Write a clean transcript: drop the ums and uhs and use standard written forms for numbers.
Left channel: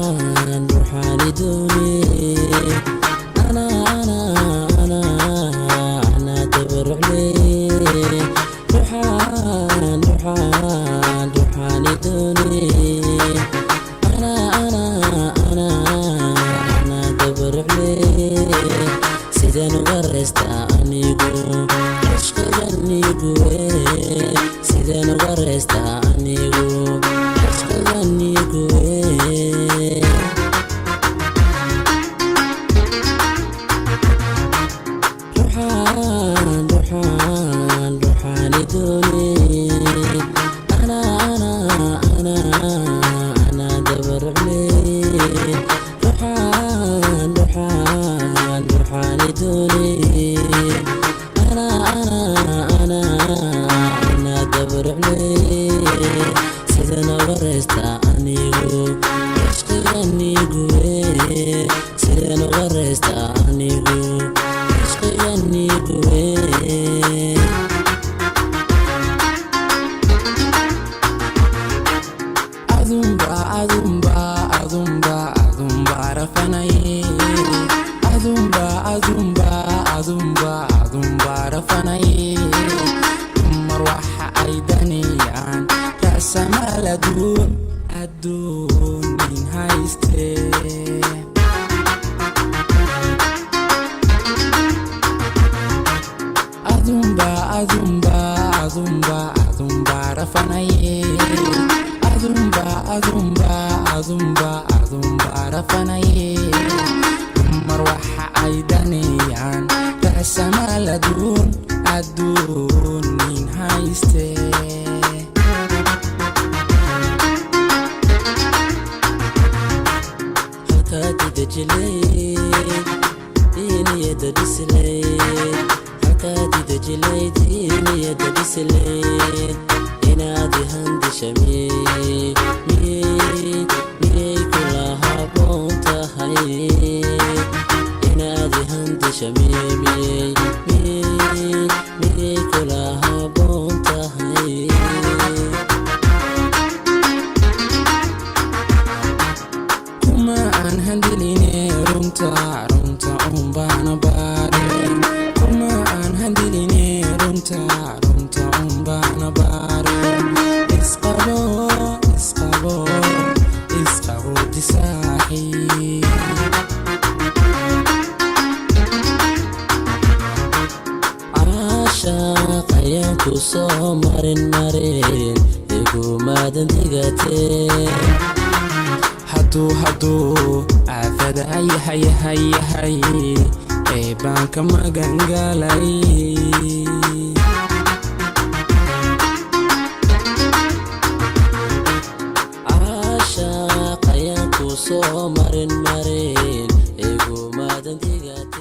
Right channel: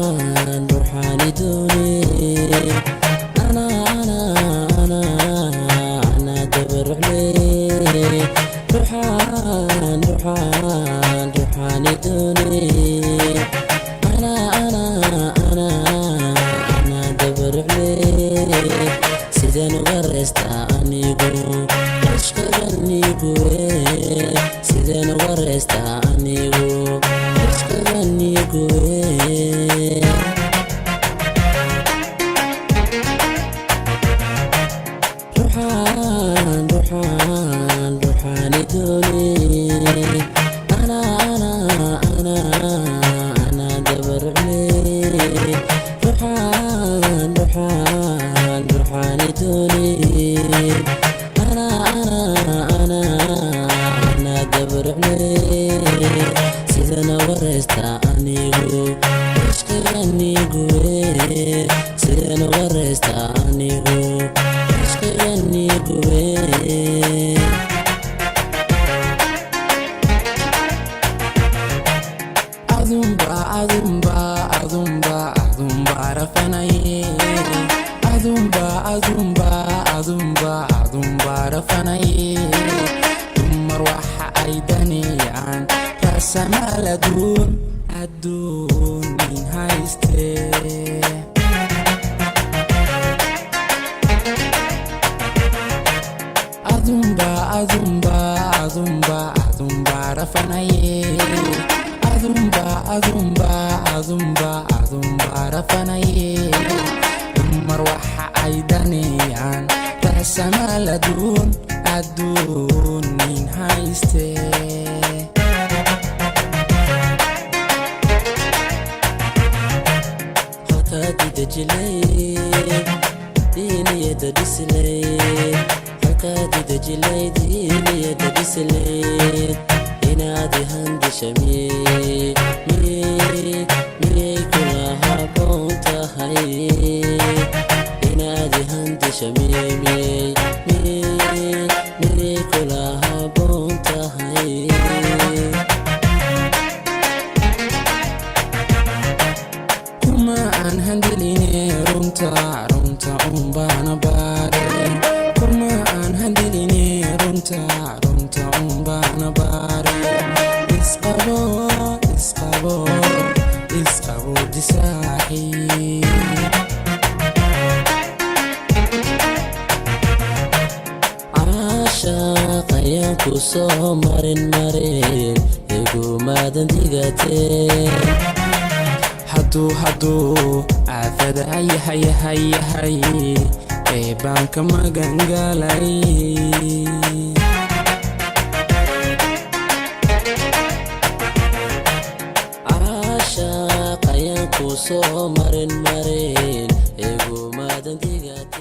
روحاني دوني أنا دبر عليه روحاني دوني أنا دبر عليه سيدان ورستا أنيقو عشق غنيقو سيدان ورستا أنيقو عشق غنيقو روحاني دوني أنا دبر عليه روحاني دوني أنا دبر عليه سيدنا ورستا أنيقو عشق غنيقو سيدنا ورستا أنيقو عشق غنيقو أذنبا رفناي أذنبا رفناي دمر وحا أيداني عن رأس مال أدون من هايستي أذنبا رفناي أذنبا رفناي دمر وحا أيداني عن رأس مال أدون من هايستي halkaad idajilay diiniyada dhislayd halkaad idajilay diiniyada dhislayd inaad handisha miyay kula haboon tahay inaad handisha miyay kula haboon tahay kuma aan handiline runta umbana baare kuma aan handiline runta umbana baare isqabo disaaxi caashaq ayaan ku soo marin igumaadan digateen hadduu aafada yahay ee baan ka magangalay caashaq ayaan ku soo marin igumaadan digateen